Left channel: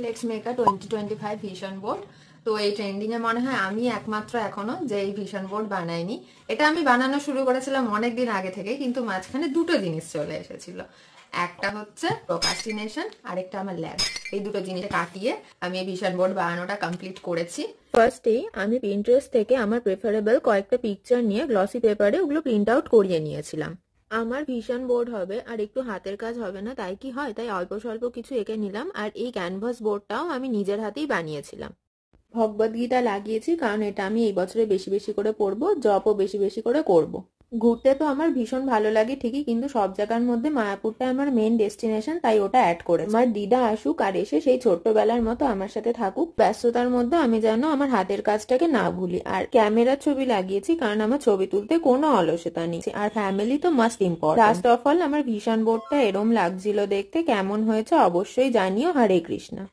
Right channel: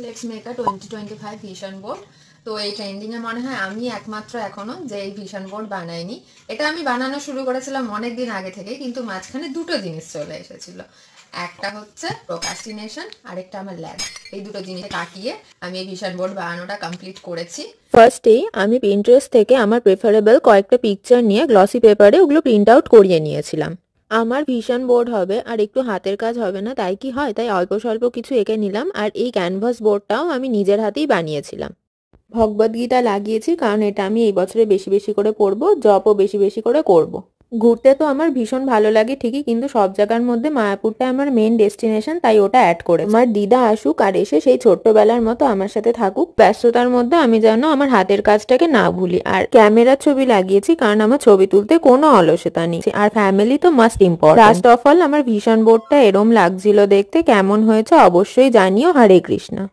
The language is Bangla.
Let's make a 2025 vision board. তো এই ট্রেন্ডিং এ মনে হয় আমি একমাত্র এখনো যে এই ভিশন বোর্ড বানাইনি। এটা আমি বানানো শুরু করেছিলাম অনেক দিন আগে থেকে, কিন্তু মাঝখানে দুটো জিনিস চলে এসেছিল। একটা হচ্ছে প্রোক্রাস্টিনেশন, আরেকটা আমার ল্যাব। এই দুটো জিনিস কাটিয়ে আমি এই ভিশন বোর্ড বানানোটা কমপ্লিট করেছি। ফার্স্টেই আমি পিন্টারেস্ট থেকে আমার প্রেফারেবল কয়েকটা পিকচার নিয়ে গ্লসি পেপারে ওগুলো প্রিন্ট আউট করিয়ে নিয়েছিলাম। আমার ভিশন বোর্ড হবে আর একটু হাতের কাজ হবে না, তাই কি হয়, তাই অল্প স্বল্প কিছু এঁকে নিলাম। আর এই ক্যানভাস বোর্ডটাও আমি নিজের হাতেই বানিয়েছিলাম। ভগবদ্গীতা লাগিয়েছি কারণ এটা আমি এই বছরে বেশি বেশি করে পড়বো, জপও বেশি বেশি করে করব। ঘুরতে তো আমার ভীষণ ভালো লাগে ঠিকই, কিন্তু সব জায়গার মধ্যে মায়াপুরটা আমার মেন ডেস্টিনেশন, তাই ওটা অ্যাড করে। আমার দিদা আসুক আর এসে সেই ছোট্টবেলার মতো আমার সাথে থাকুক। ব্যস্ততার মধ্যে আমি যেন আমার হাতের কাজটাকে না ভুলি। আর ক্যামেরার ছবি লাগিয়েছি কারণ আমার ছবি তুলতে কোনো অলসতা নেই, আর ফ্যামিলি তো must important. Last of all আমার ভিশন বোর্ডটা এরম লাগছিল দেখতে, কেমন হয়েছে অবশ্যই জানিও। হরে কৃষ্ণ।